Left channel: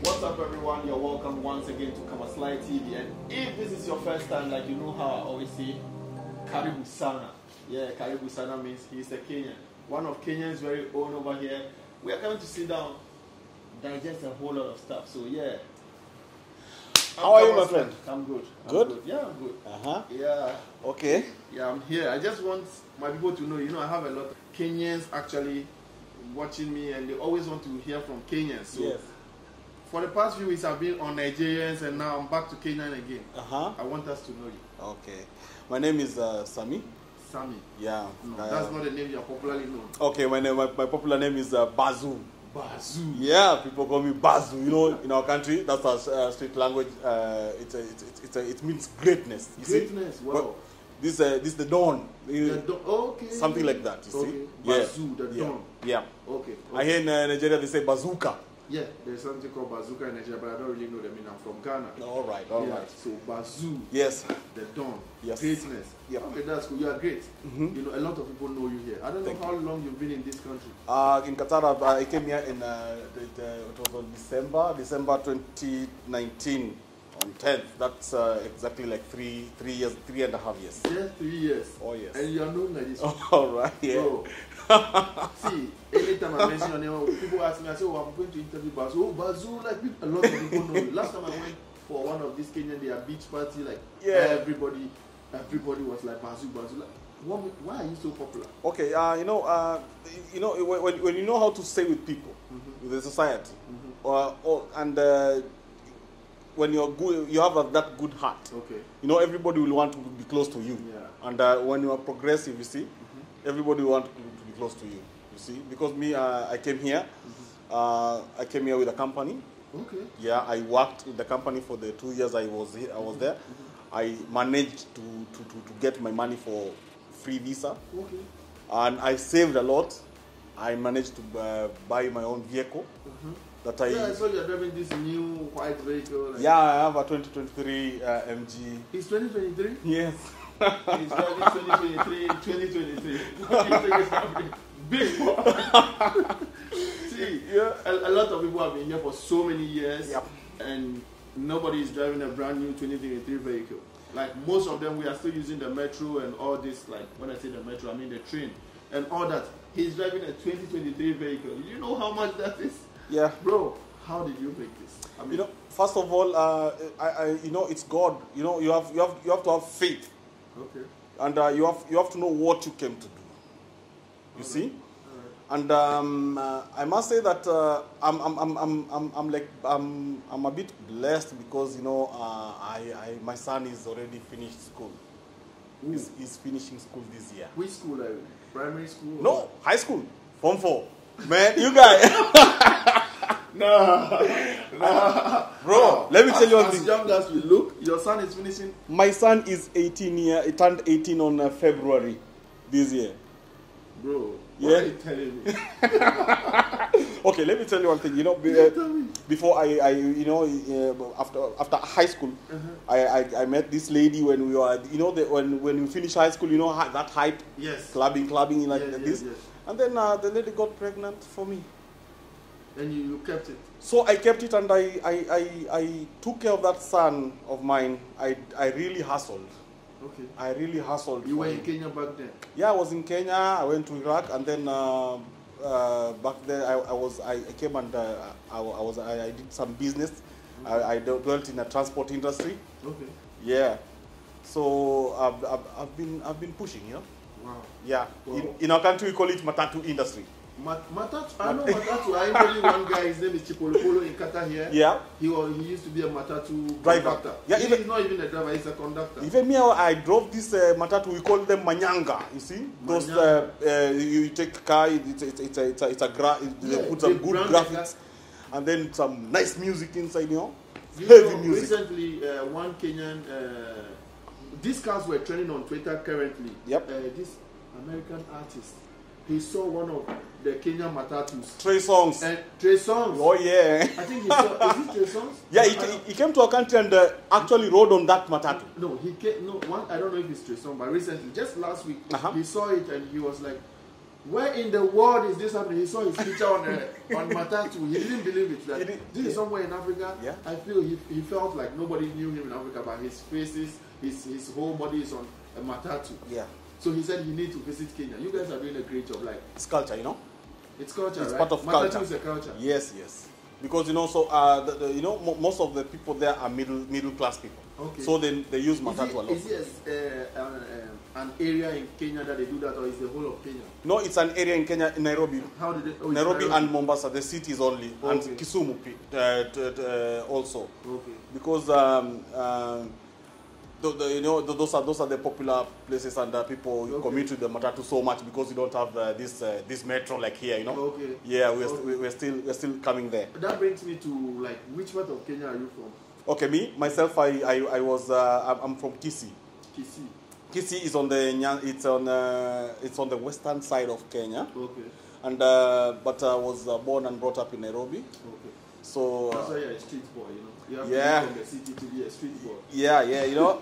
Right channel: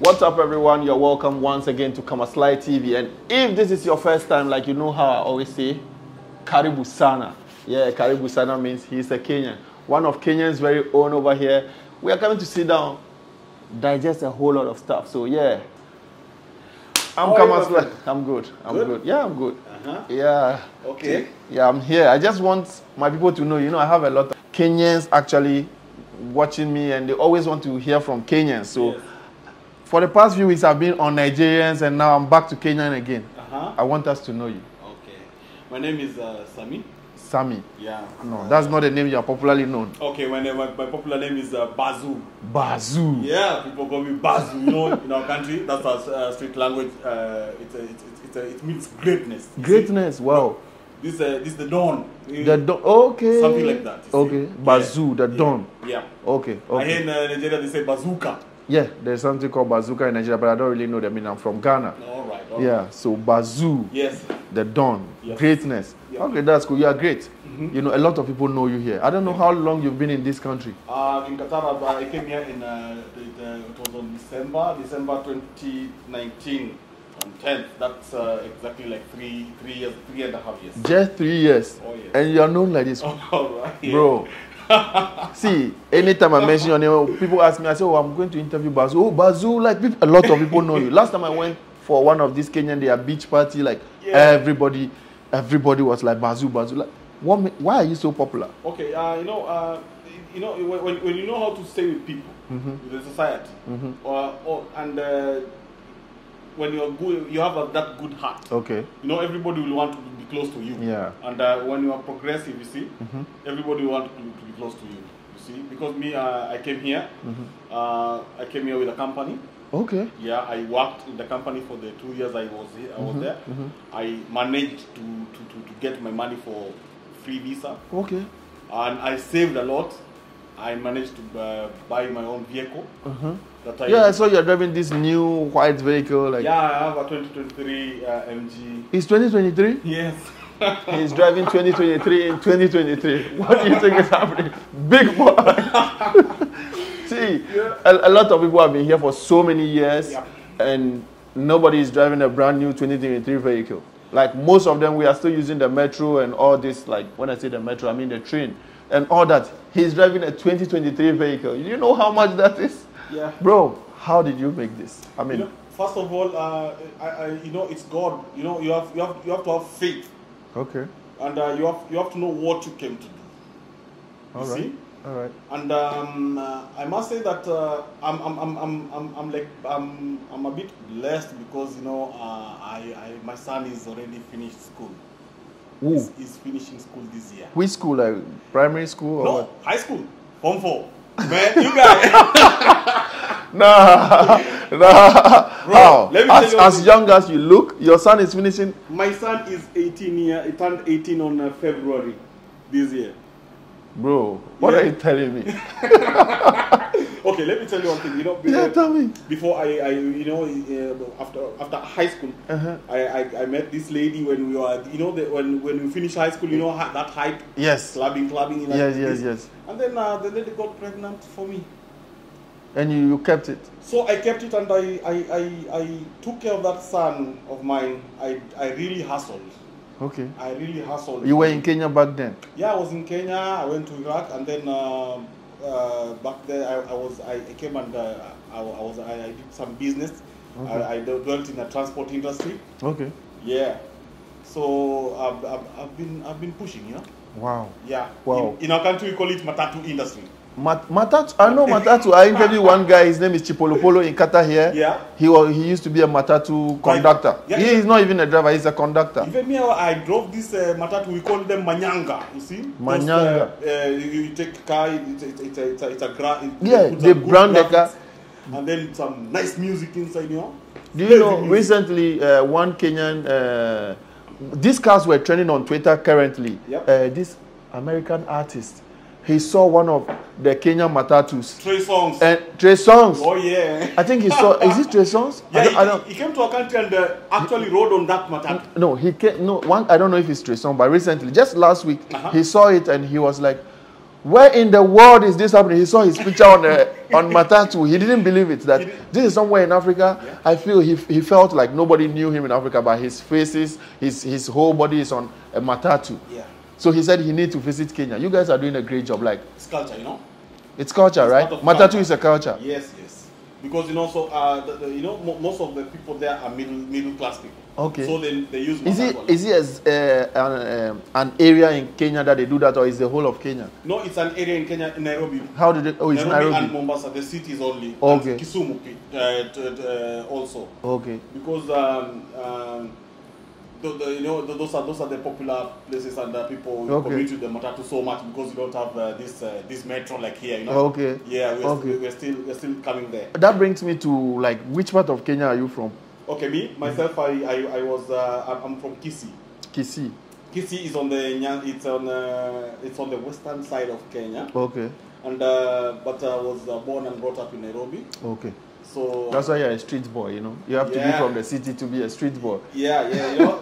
What's up, everyone? You're welcome once again to kamaslytv. And if this is your first time, like you know how I always say, Karibu Sana. Yeah, Karibu Sana means he's a Kenyan. One of Kenyan's very own over here. We are coming to sit down, digest a whole lot of stuff. So yeah, I'm Kamasly. I'm good. I'm good. Yeah, I'm good. Yeah. Okay. Yeah, I'm here. I just want my people to know, I have a lot of Kenyans actually watching me, and they always want to hear from Kenyans. So yes. For the past few weeks, I've been on Nigerians, and now I'm back to Kenyan again. I want us to know you. Okay. My name is Sami. Sami? Yeah. No, that's not the name you are popularly known. Okay, my popular name is Bazu. Bazu? Yeah, people call me Bazu. In our country, that's our street language. It means greatness. Greatness, wow. This is the dawn. The dawn, okay. Something like that. Okay, Bazu, the dawn. Yeah. Okay. And in Nigeria, they say bazooka. Yeah, there's something called bazooka in Nigeria, but I don't really know the meaning. I'm from Ghana. All right. Yeah, so Bazu. Yes. The dawn. Yes. Greatness. Yep. Okay, that's cool. You are great. A lot of people know you here. I don't know how long you've been in this country. In Qatar, I came here in it was on December 2019. 10th. That's exactly like 3.5 years. Just 3 years. Oh, yes. And you are known like this. All right. Yeah. Bro. See, anytime I mention your name, people ask me, I say, oh, I'm going to interview Bazu. Oh, Bazu, like a lot of people know you. Last time I went for one of these Kenyan, their beach party, like everybody was like Bazu. Like, why are you so popular? Okay, when you know how to stay with people, in the society, when you're good, you have that good heart. Okay. Everybody will want to be close to you. Yeah. And when you are progressive, you see, everybody will want to be close to you. You see, because me, I came here. I came here with a company. Okay. Yeah, I worked in the company for the 2 years I was here. I was there. I managed to get my money for free visa. Okay. And I saved a lot. I managed to buy my own vehicle. I saw you're driving this new white vehicle. Like. Yeah, I have a 2023 MG. It's 2023? Yes. He's driving 2023 in 2023. What do you think is happening? Big boy. See, a lot of people have been here for so many years, and nobody is driving a brand new 2023 vehicle. Like most of them, we are still using the metro and all this. Like when I say the metro, I mean the train and all that. He's driving a 2023 vehicle. You know how much that is? Yeah. Bro, how did you make this? I mean, first of all, it's God. You have to have faith. Okay. And you have to know what you came to do. All right. See? All right. And I must say that I'm a bit blessed because my son is already finished school. He's finishing school this year. Which school? Like primary school? No, what? High school. Form 4. Man, you guys. Nah. Bro, let me tell you as young as you look, your son is finishing. My son is 18 years. He turned 18 on February this year. Bro, what are you telling me? Okay, let me tell you one thing. Tell me. Before after high school, I met this lady when we were, when we finished high school, that hype. Yes. Clubbing. Like yes. And then the lady got pregnant for me. And you kept it? So I kept it, and I took care of that son of mine. I really hustled. Okay. I really hustled. You were in Kenya back then? Yeah, I was in Kenya. I went to Iraq, and then back then I came and I did some business. Okay. I dealt in the transport industry. Okay. Yeah. So I've been pushing. Yeah. Wow. Yeah. Wow. In our country, we call it matatu industry. Matatu, I know Matatu. I interviewed one guy, his name is Chipolopolo in Qatar here. Yeah. He used to be a Matatu conductor. Yeah, he is not even a driver, he's a conductor. Even me, I drove this Matatu, we call them Manyanga, you see? Manyanga. You take a car, it's a car. Yeah, they brand the car. And then some nice music inside, Do you know, recently, one Kenyan, these cars were trending on Twitter currently. Yep. This American artist, he saw one of the Kenyan matatus. Trey Songs. Trey Songs. Oh, yeah. I think he saw, is it Trey Songs? Yeah, he came to our country and actually rode on that matatu. No, I don't know if it's Trey Songs, but recently, just last week, he saw it and he was like, Where in the world is this happening? He saw his picture on Matatu. He didn't believe it. That this is somewhere in Africa. Yeah. I feel he felt like nobody knew him in Africa, but his faces, his whole body is on a Matatu. Yeah. So he said he needs to visit Kenya. You guys are doing a great job. Like it's culture, you know. It's culture, it's right? Matatu culture. is a culture. Yes, yes. Because you know, so most of the people there are middle class people. Okay. So they use Matatu. Is it an area in Kenya that they do that, or is the whole of Kenya? No, it's an area in Kenya, in Nairobi. How did it? Oh, it's Nairobi and Mombasa, the cities only. Okay. And Kisumu also. Okay. Because those are the popular places, and people commute to the Matatu so much because you don't have this metro like here. You know. Okay. Yeah, we're still coming there. That brings me to like, which part of Kenya are you from? Okay, me myself, I'm from Kisii. Kisii. Kisii is on the western side of Kenya. Okay. And but I was born and brought up in Nairobi. Okay. So that's why you're a street boy, you know. You have to be from the city to be a street boy. Yeah, you know.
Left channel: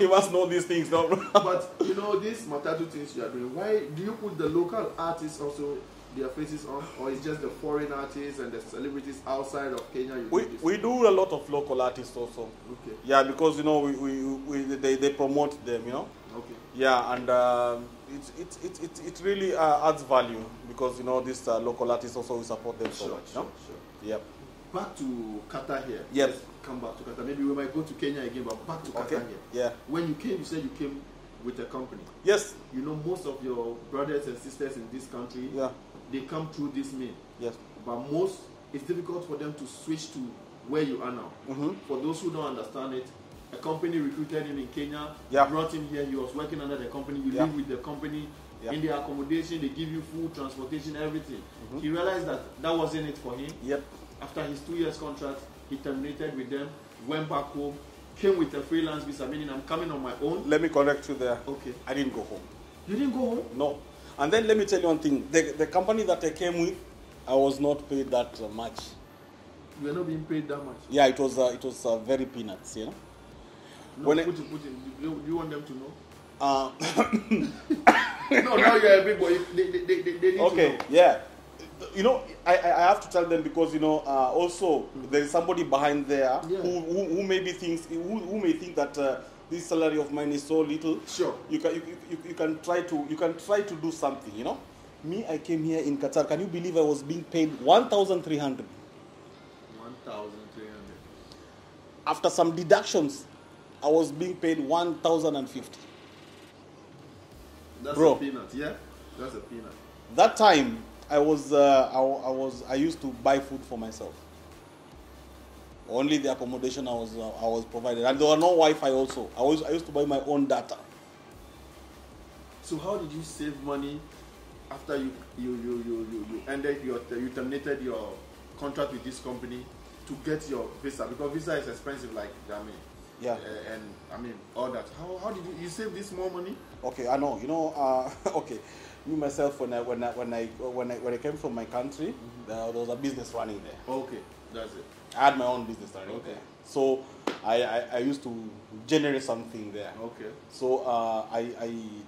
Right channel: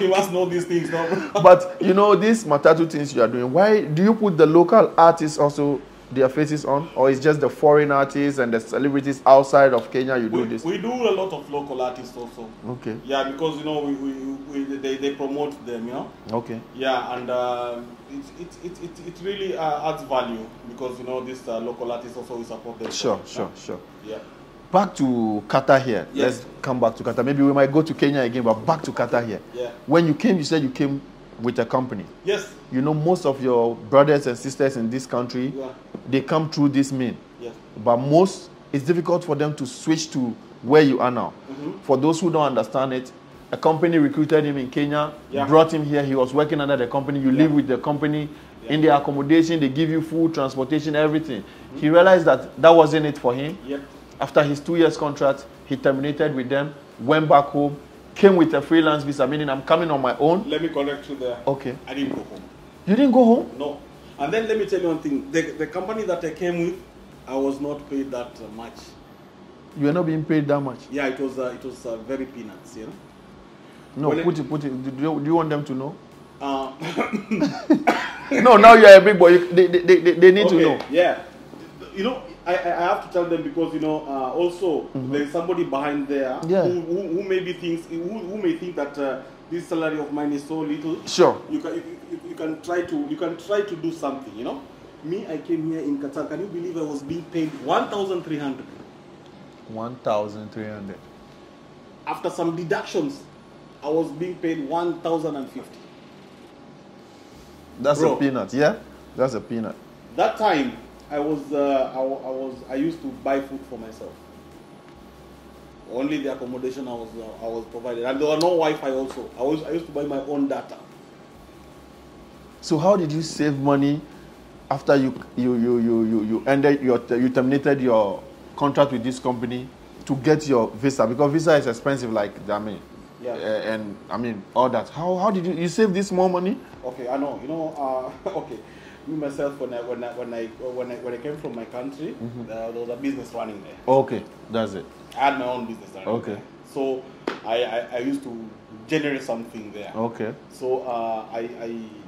You must know these things, no? But you know, these Matatu things you are doing, why do you put the local artists also their faces on, or it's just the foreign artists and the celebrities outside of Kenya you do this? We do a lot of local artists also. Okay. Yeah, because you know they promote them, you know. Okay. Yeah, and it really adds value because you know this local artists also will support them. Sure. Yep. Back to Qatar here. Yes. Let's come back to Qatar. Maybe we might go to Kenya again, but back to Qatar here. Yeah. When you came, you said you came with a company. Yes. You know, most of your brothers and sisters in this country, yeah, they come through this mean. Yes. But it's difficult for them to switch to where you are now. Mm-hmm. For those who don't understand it, a company recruited him in Kenya, brought him here. He was working under the company. You live with the company. In their accommodation, they give you food, transportation, everything. Mm-hmm. He realized that wasn't it for him. Yep. After his 2 years contract, he terminated with them, went back home, came with a freelance visa, meaning I'm coming on my own. Let me correct you there. Okay. I didn't go home. You didn't go home? No. And then let me tell you one thing. The company that I came with, I was not paid that much. You were not being paid that much? Yeah, it was very peanuts, you know. No, put it. Do you want them to know? No, now you're a big boy. They need to know. Yeah. You know, I have to tell them because, you know, also there is somebody behind there who maybe thinks, who may think that this salary of mine is so little. Sure. You can try to do something, you know. Me, I came here in Qatar. Can you believe I was being paid 1,300? 1,300. After some deductions, I was being paid 1,050. That's a peanut, yeah? That's a peanut. That time, I used to buy food for myself. Only the accommodation I was provided, and there was no Wi-Fi also. I used to buy my own data. So how did you save money after you terminated your contract with this company to get your visa? Because visa is expensive, like and I mean all that. How did you save this more money? Okay, I know. You know, okay. Me myself, when I came from my country, there was a business running there. Okay, that's it. I had my own business running there. So I used to generate something there. Okay. So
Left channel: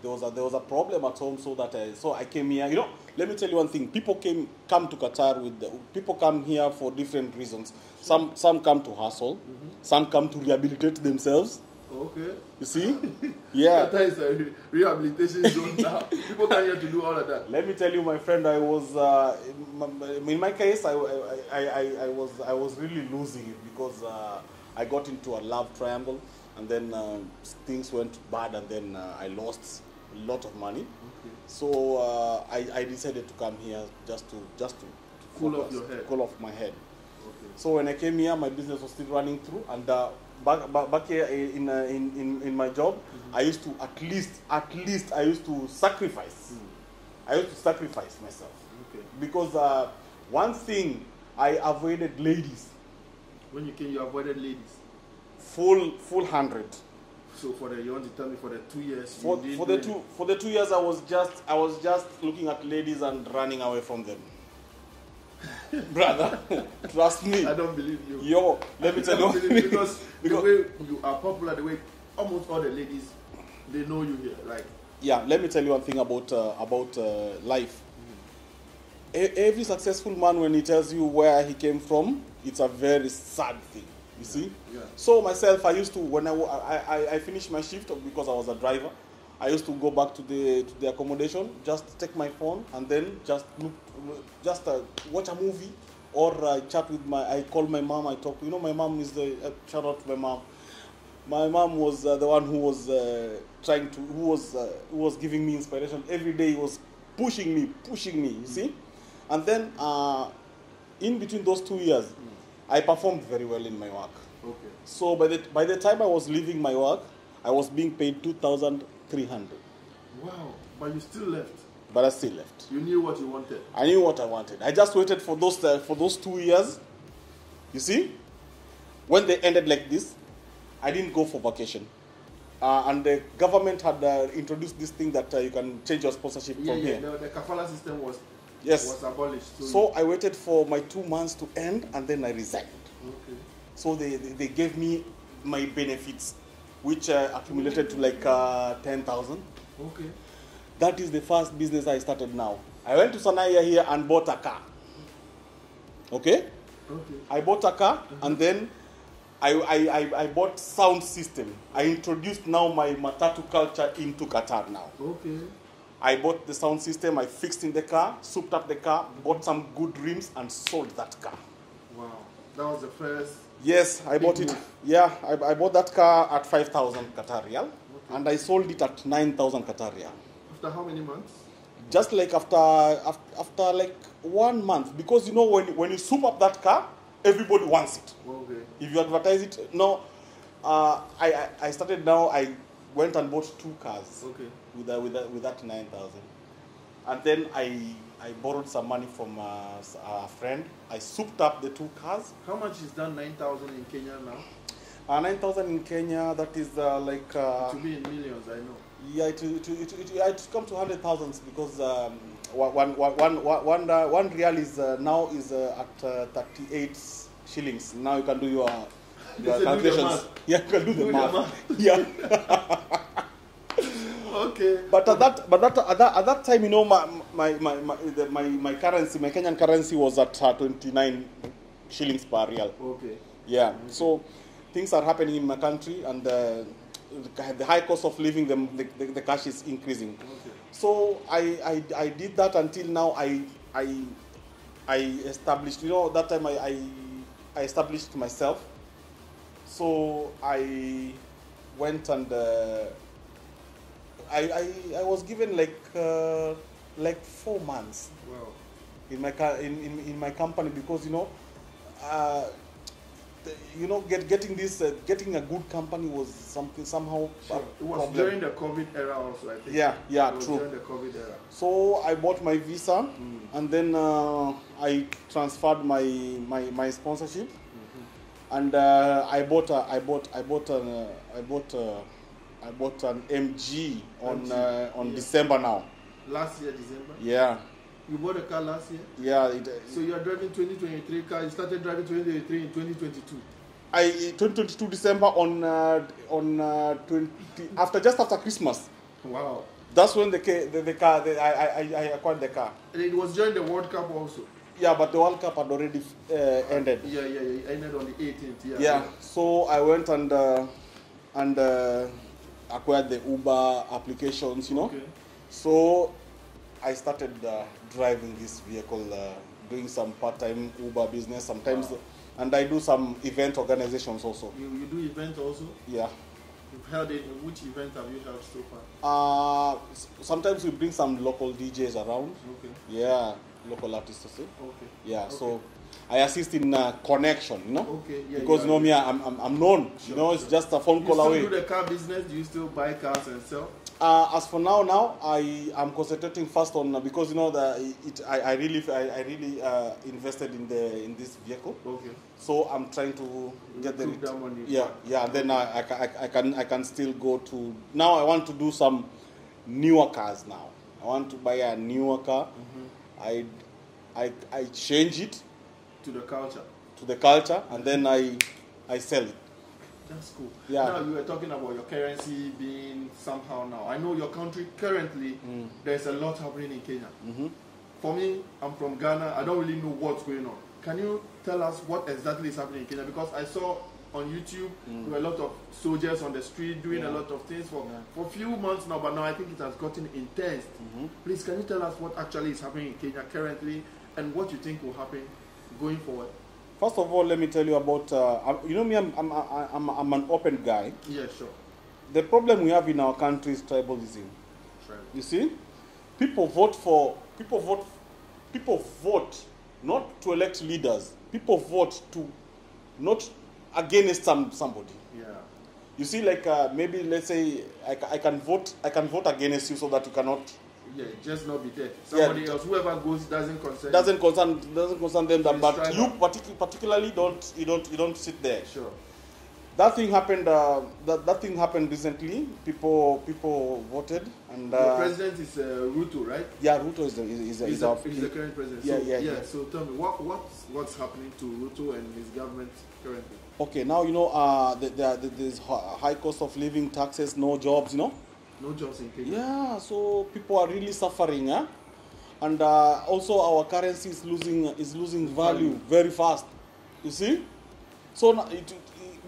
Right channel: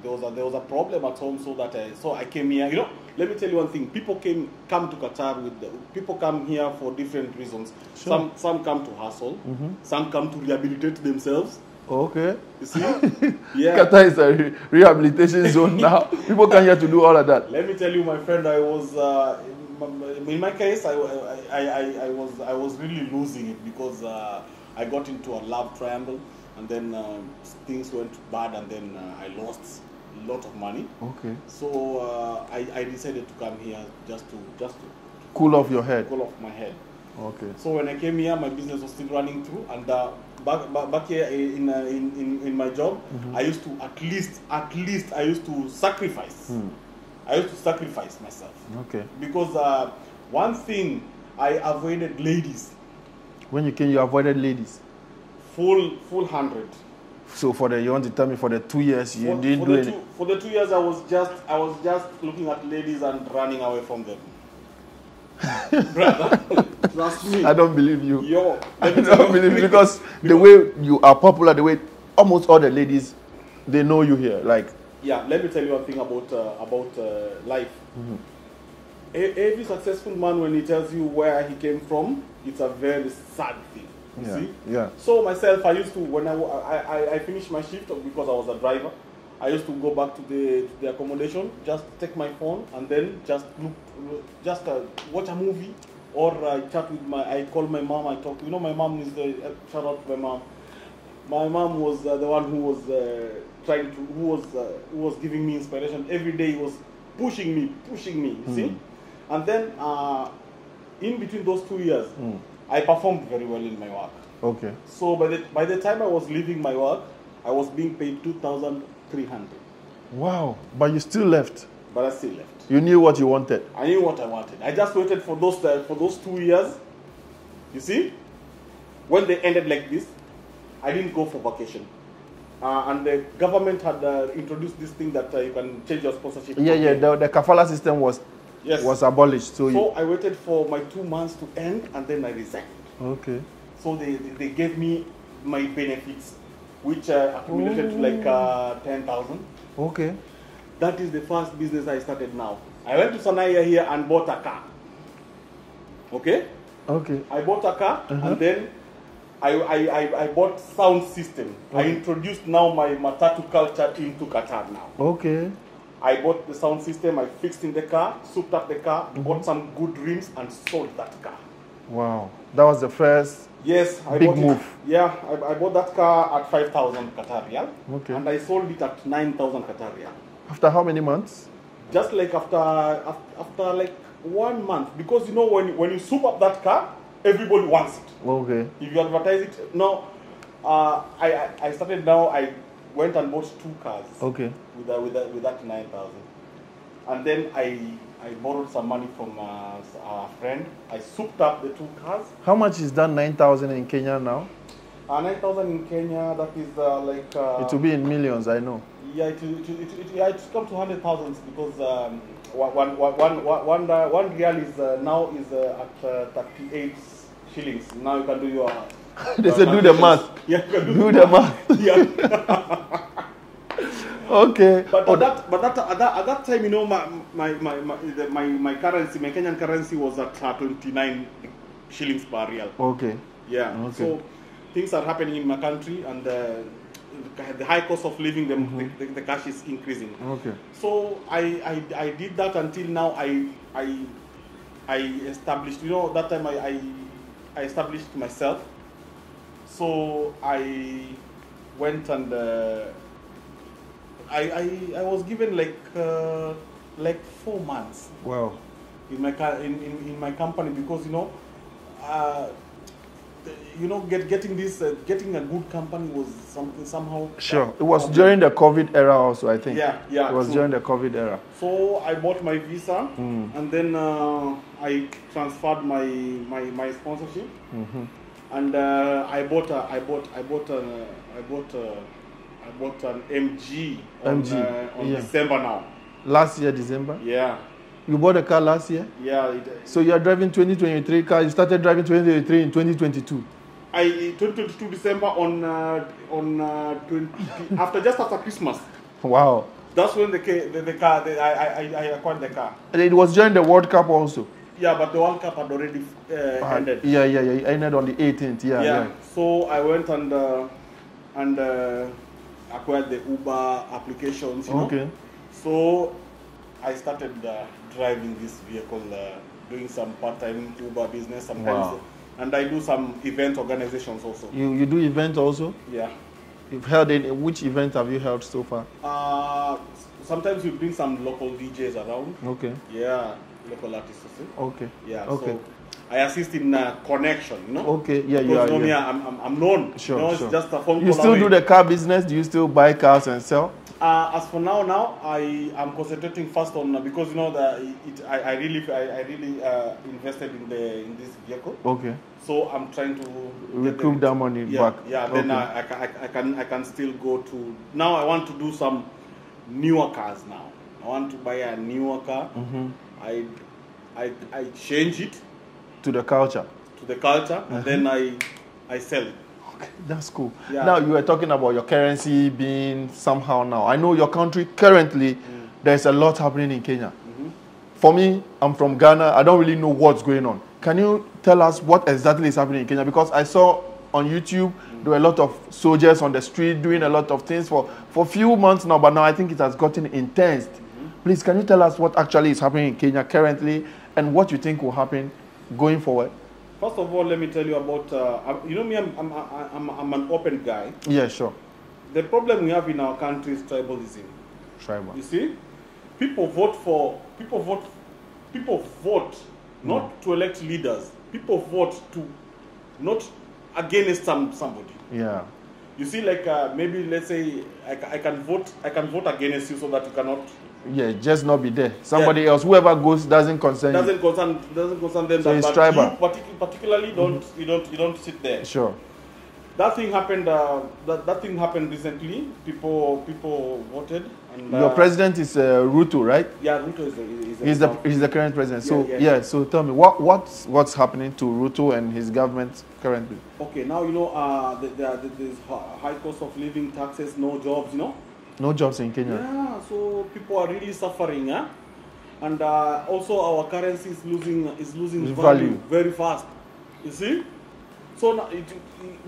there was a problem at home, so I came here. You know, let me tell you one thing. People come to Qatar people come here for different reasons. Sure. Some come to hustle. Some come to rehabilitate themselves. Okay. You see? Yeah. Qatar is a rehabilitation zone now. People come here to do all of that. Let me tell you, my friend, I was in my case, I was really losing it because I got into a love triangle, and then things went bad, and then I lost a lot of money. Okay. So I decided to come here just to cool off your head. Cool off my head. Okay. So when I came here, my business was still running through, and back here in my job, I used to at least I used to sacrifice. I used to sacrifice myself. Okay. Because one thing, I avoided ladies. When you came, you avoided ladies. Full 100. So you want to tell me for the 2 years you didn't do it? For the 2 years, I was just looking at ladies and running away from them. Brother, trust me. I don't believe you. Yo, I don't believe you because the way you are popular, the way almost all the ladies, they know you here. Like Yeah, let me tell you one thing about life. Every successful man, when he tells you where he came from, it's a very sad thing. You see? Yeah. So myself, I used to, when I finished my shift because I was a driver, I used to go back to the accommodation, just take my phone and then just watch a movie, or chat with I call my mom, I talk. You know, my mom is shout out to my mom. My mom was the one who was who was giving me inspiration every day. He was pushing me. You see, and then in between those 2 years, I performed very well in my work. Okay. So by the time I was leaving my work, I was being paid 2,300. Wow! But you still left. But I still left. You knew what you wanted. I knew what I wanted. I just waited for those 2 years. You see, when they ended like this, I didn't go for vacation. And the government had introduced this thing that you can change your sponsorship. Yeah. The kafala system was abolished. So I waited for my 2 months to end, and then I resigned. Okay. So they gave me my benefits, which accumulated to like 10,000. Okay. That is the first business I started now. I went to Sanaya here and bought a car. Okay? Okay. I bought a car, and then I bought sound system. I introduced now my matatu culture into Qatar now. Okay. I bought the sound system, I fixed in the car, souped up the car, bought some good rims, and sold that car. Wow. That was the first I big bought move. it. Yeah, I bought that car at 5,000 Qatar Riyal. Okay. And I sold it at 9,000 Qatar Riyal. After how many months? Just like after like 1 month. Because you know, when you soup up that car, everybody wants it. Okay. If you advertise it, now, I started now, I went and bought 2 cars. Okay. With that 9,000. And then I borrowed some money from a friend. I souped up the 2 cars. How much is that 9,000 in Kenya now? 9,000 in Kenya, that is like... it will be in millions, I know. Yeah, it come to 100,000 because one real is now is at 38 shillings. Now you can do your... They say do the math. Yeah, you can do the math. Yeah. Okay. But at that time, you know, my currency, my Kenyan currency was at 29 shillings per real. Okay. Yeah. Okay. So things are happening in my country, and the high cost of living, the cash is increasing. Okay. So I did that until now. I established, you know, that time I established myself. So I went and I was given like 4 months. Wow. In my company, because getting a good company was something somehow. Sure. It was during the COVID era also, I think. Yeah. It was during the COVID era. So I bought my visa, and then I transferred my sponsorship, and I bought an MG on December now. Last year, December? Yeah. You bought a car last year? Yeah. So you are driving 2023 car. You started driving 2023 in 2022. 2022 December after Christmas. Wow. That's when the car I acquired the car. And it was during the World Cup also. Yeah, but the World Cup had already ended. Yeah. It ended on the 18th. Yeah. So I went and acquired the Uber applications. You know? Okay. So I started driving this vehicle, doing some part-time Uber business sometimes. Wow. And I do some event organizations also. You do events also? Yeah. You've held which event have you held so far? Sometimes we bring some local DJs around. Okay. Yeah, local artists. Okay. Yeah. Okay. So I assist in connection, you know. Okay. Yeah. Because I'm known. Sure. You know, it's just a phone call. You still away. do the car business? Do you still buy cars and sell? As for now I am concentrating first on because you know I really invested in this vehicle. Okay. So I'm trying to recoup that money back. Yeah. Then I can still go to now. I want to do some newer cars now. I want to buy a newer car. I change it to the culture. And then I sell it. Okay, that's cool. Yeah. Now, you were talking about your currency being somehow now. I know your country currently, there's a lot happening in Kenya. For me, I'm from Ghana. I don't really know what's going on. Can you tell us what exactly is happening in Kenya? Because I saw on YouTube, there were a lot of soldiers on the street doing a lot of things for a few months now, but now I think it has gotten intense. Please, can you tell us what actually is happening in Kenya currently and what you think will happen going forward? First of all, let me tell you about, you know me, I'm an open guy. Yeah, sure. The problem we have in our country is tribalism. Tribal. You see? People vote not to elect leaders. People vote to not against somebody. Yeah. You see, like maybe let's say I can vote against you so that you cannot. Yeah, just not be there. Somebody else, whoever goes, doesn't concern you. Doesn't concern them. So it's tribal. You particularly you don't sit there. Sure. That thing happened. That thing happened recently. People voted. And, your president is Ruto, right? Yeah, Ruto he's the current president. So yeah. So tell me what's happening to Ruto and his government currently? Okay, now you know there's high cost of living, taxes, no jobs. You know. No jobs in Kenya. Yeah, so people are really suffering, and also our currency is losing value very fast. You see, so now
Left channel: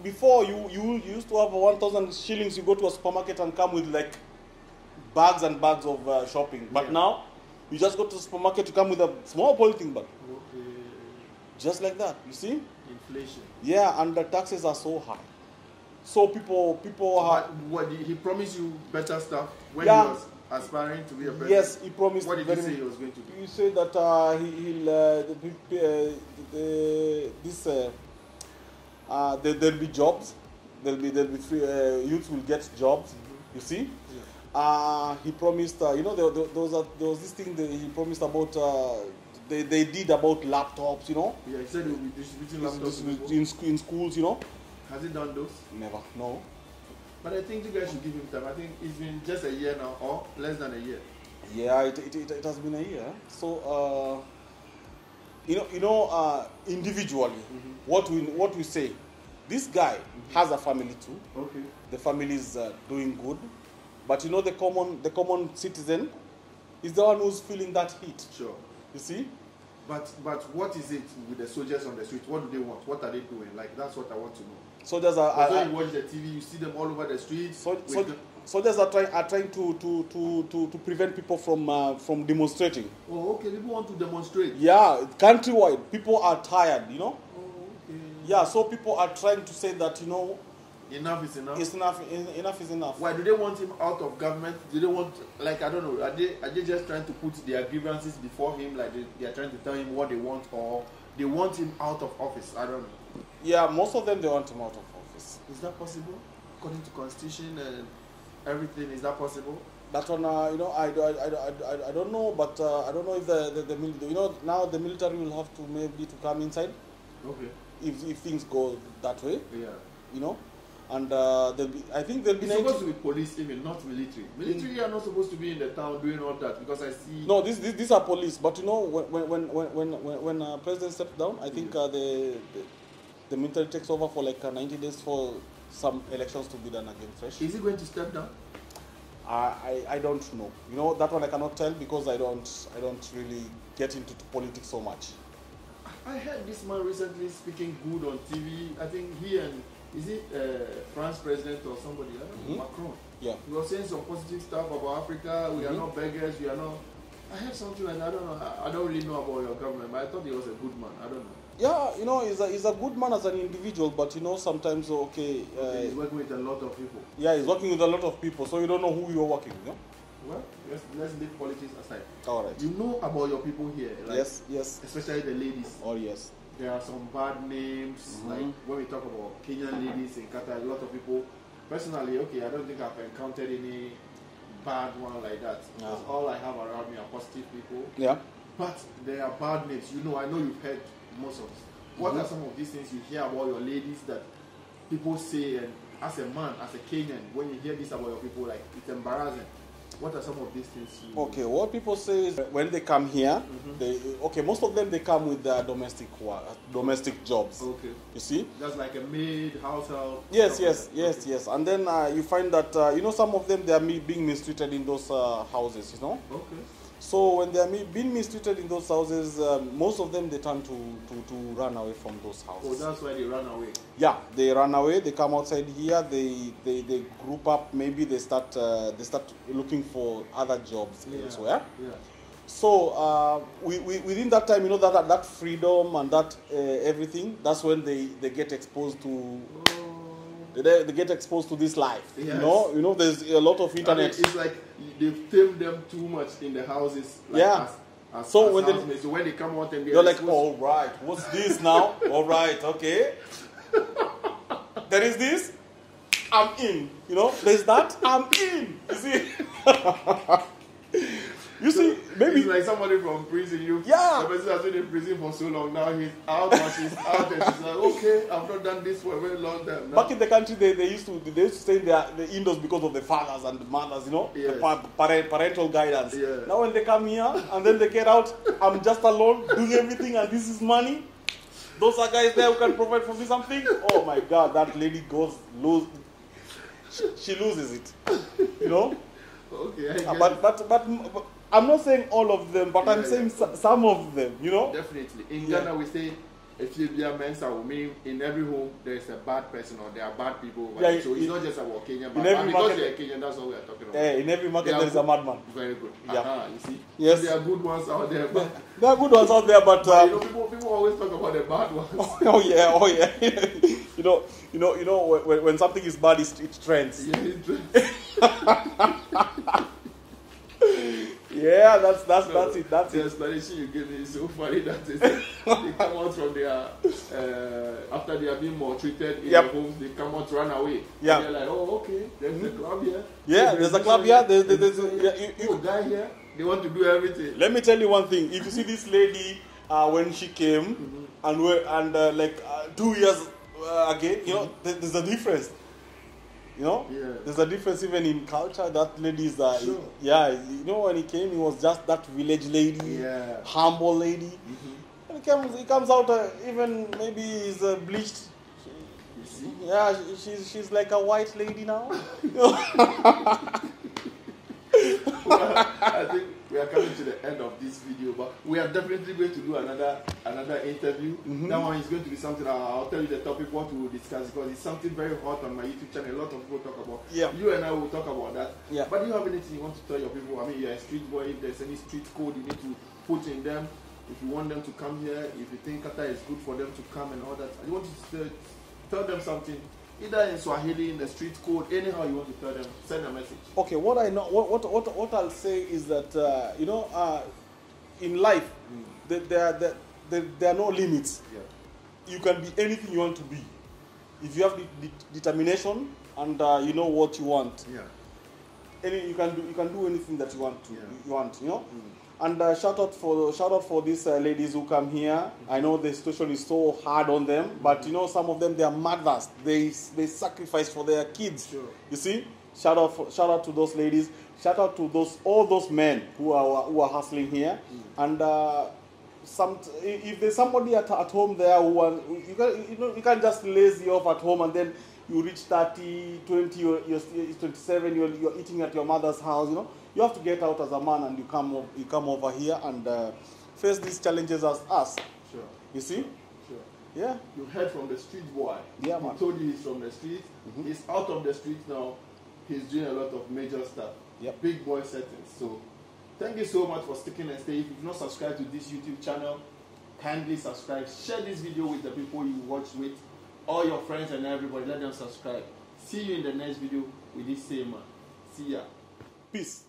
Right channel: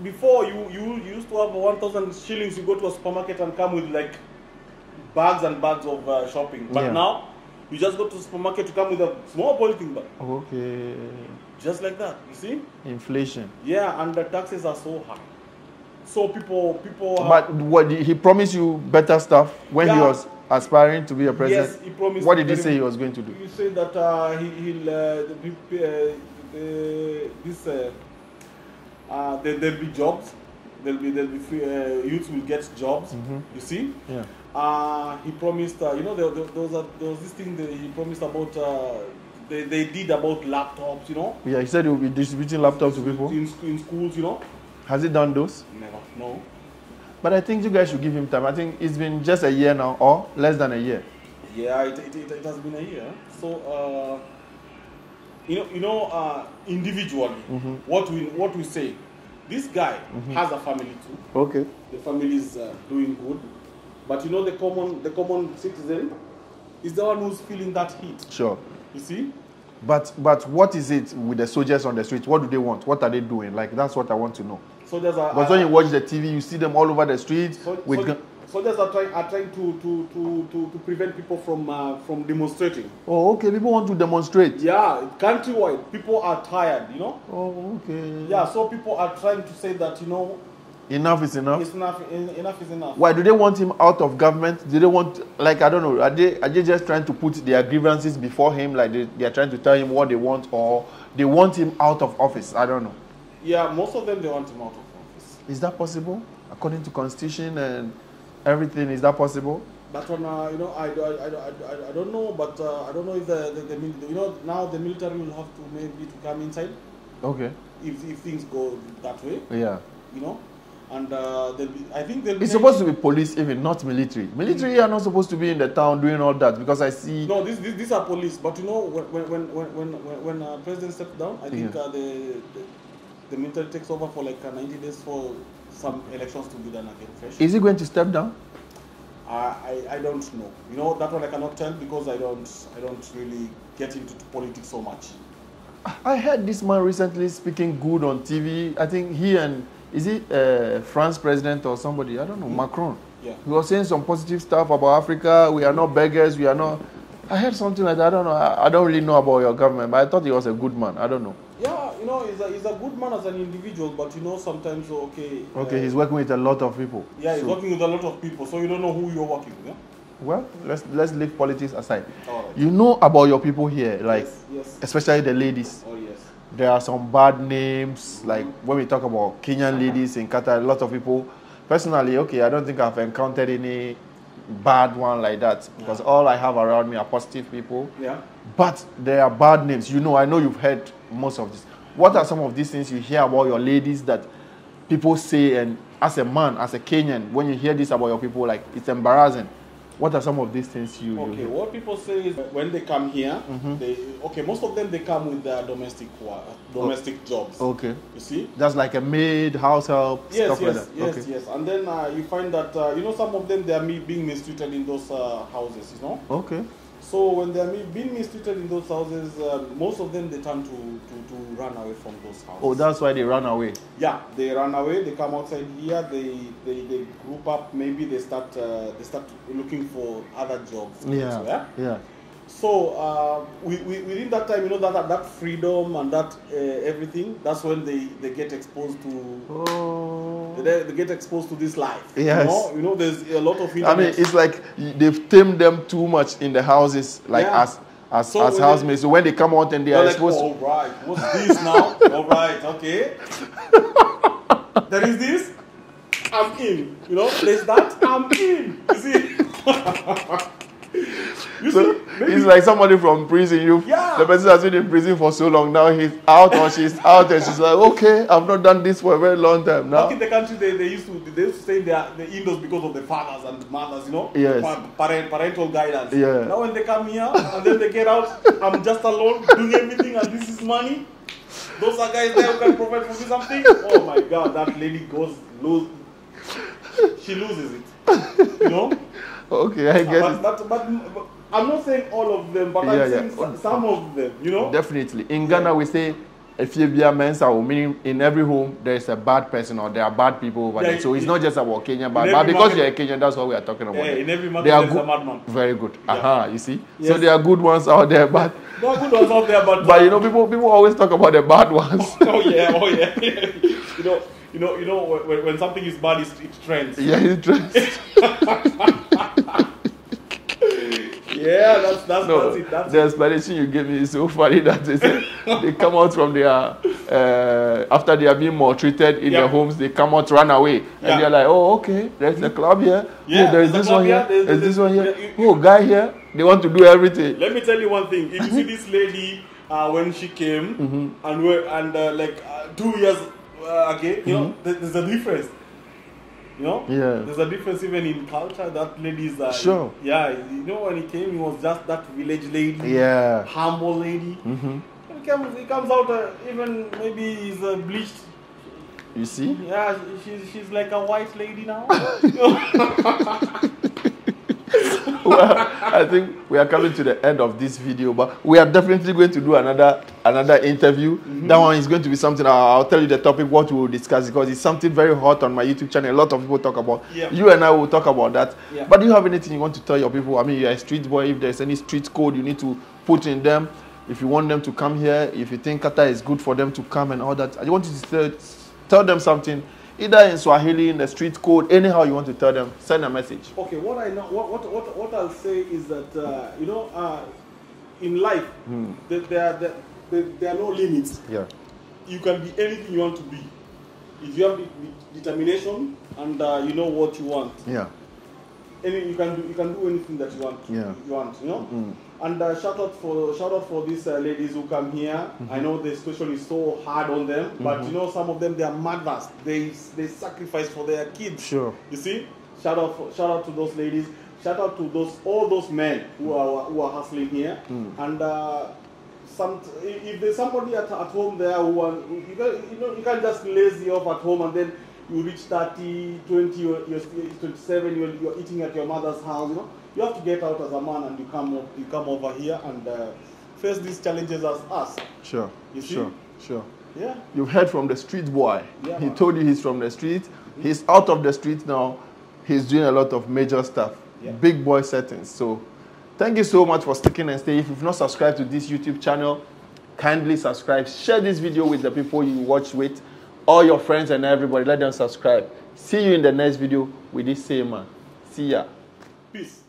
before you used to have 1,000 shillings, you go to a supermarket and come with like bags and bags of shopping. But now you just go to the supermarket, you come with a small polythene bag. Okay. Just like that. You see? Inflation. Yeah, and the taxes are so high. So people. But what did he promise you better stuff when he was aspiring to be a president? Yes, he promised. What did he say he was going to do? He said that there'll be jobs. There'll be free, youth will get jobs. You see? Yeah. He promised. You know, there was this thing that he promised about. They did about laptops. You know. Yeah, he said he would be distributing laptops to people in schools. You know. Has he done those? Never. No. But I think you guys should give him time. I think it's been just a year now, or less than a year. Yeah, it has been a year. So, individually, what we say, this guy has a family too. Okay. The family is doing good, but you know the common citizen is the one who's feeling that heat. Sure. You see. But what is it with the soldiers on the street? What do they want? What are they doing? Like, that's what I want to know. Soldiers are. Because when you watch the TV, you see them all over the streets. Soldiers are trying to prevent people from demonstrating. Oh, okay. People want to demonstrate. Yeah, countrywide, people are tired. You know. Oh, okay. Yeah, so people are trying to say that enough is enough. It's enough. Enough is enough. Why do they want him out of government? Do they want, like, I don't know, are they just trying to put their grievances before him, like they are trying to tell him what they want, or they want him out of office? I don't know. Yeah, most of them, they want him out of office. Is that possible? According to constitution and everything, is that possible? That one, I don't know, but I don't know if the now the military will have to maybe to come inside. Okay. If things go that way. Yeah. You know. And I think it's supposed to be police, even not military. Military are not supposed to be in the town doing all that, because I see. No, these are police. But you know, when president steps down, I think the military takes over for like 90 days for some elections to be done again fresh. Is he going to step down? I don't know. You know, that one I cannot tell because I don't really get into politics so much. I heard this man recently speaking good on TV. I think he and. Is it France president or somebody? I don't know, Macron. Yeah. He was saying some positive stuff about Africa. We are not beggars. We are not. I heard something like that. I don't know. I don't really know about your government, but I thought he was a good man. I don't know. Yeah, you know, he's a good man as an individual, but you know, sometimes, Okay, he's working with a lot of people. Yeah, he's working with a lot of people, so you don't know who you're working with, yeah? Well, let's leave politics aside. All right. You know about your people here, like, yes. Especially the ladies. Oh, yes. There are some bad names, like when we talk about Kenyan ladies in Qatar, a lot of people, personally, I don't think I've encountered any bad one like that, because all I have around me are positive people. Yeah. But there are bad names. You know, I know you've heard most of this. What are some of these things you hear about your ladies that people say, and as a man, as a Kenyan, when you hear this about your people, like, it's embarrassing? What are some of these things you... Okay, what people say is when they come here, most of them, they come with their domestic jobs. Okay. You see? That's like a maid, house help, yes, stuff like that. Yes. And then you find that, some of them, they are being mistreated in those houses, you know? Okay. So when they are being mistreated in those houses, most of them, they turn to run away from those houses. Oh, that's why they run away? Yeah, they run away, they come outside here, they group up, maybe they start looking for other jobs. Yeah. So within that time, that freedom and that everything, that's when they get exposed to they get exposed to this life. Yes. You know there's a lot of internet. I mean, it's like they've tamed them too much in the houses, like as housemates. So when they come out and they are like, exposed all right, what's this now? All right, okay. There is this, I'm in. There's that, I'm in. You see? So it's like somebody from prison. The person has been in prison for so long. Now he's out or she's out, and she's like, okay, I've not done this for a very long time now. Back in the country, they used to stay there indoors because of the fathers and the mothers, Yes. Parental guidance. Yeah. Now when they come here and then they get out, I'm just alone doing everything, and this is money. Those are guys there who can provide for me something. Oh my God, that lady she loses it. Okay, I get it. But I'm not saying all of them, but I'm saying some of them, Definitely. In Ghana, we say, if you be a mensa, meaning in every home, there is a bad person or there are bad people over there. So it's not just about Kenyan, but because you're a Kenyan, that's what we are talking about. Yeah, in every market, there's a madman. Very good. You see? Yes. So there are good ones out there, but... There are good ones out there, but... But, people always talk about the bad ones. Oh, yeah. When something is bad, it trends. Yeah, it trends. Yeah, that's it. The explanation you gave me is so funny that they come out from their after they are being maltreated in their homes, they come out, run away, and they're like, oh, okay, there's a club here. Yeah, there's this one here. There's this one here. Oh, guy here. They want to do everything. Let me tell you one thing. If you see this lady when she came and 2 years, there's a difference. There's a difference even in culture. That lady is sure. Yeah, when he came, he was just that village lady, humble lady. He comes out even maybe he's bleached. You see? Yeah, she's like a white lady now. Well, I think we are coming to the end of this video, but we are definitely going to do another interview. That one is going to be something I'll tell you the topic what we will discuss, because it's something very hot on my YouTube channel. A lot of people talk about. You and I will talk about that. But do you have anything you want to tell your people? I mean, you're a street boy. If there's any street code you need to put in them, if you want them to come here, if you think Qatar is good for them to come and all that, I want you to tell them something. Either in Swahili, in the street code, anyhow you want to tell them, send a message. Okay, what I know, what I'll say is that in life, there are no limits. Yeah. You can be anything you want to be, if you have the determination and you know what you want. Yeah. You can do anything that you want. You want. And shout out for these ladies who come here. I know the situation is so hard on them, but some of them, they are mothers. They sacrifice for their kids. Sure. You see, shout out to those ladies. Shout out to all those men who are hustling here. And if there's somebody at home there who you can't just lazy off at home and then you reach 30, 20, you're 27, you're eating at your mother's house. You have to get out as a man and you come over here and face these challenges as us. Sure. You see? Sure. Yeah. You've heard from the street boy. Yeah, he told you he's from the street. He's out of the street now. He's doing a lot of major stuff. Big boy settings. So thank you so much for sticking and staying. If you've not subscribed to this YouTube channel, kindly subscribe. Share this video with the people you watch with. All your friends and everybody. Let them subscribe. See you in the next video with this same man. See ya. Peace.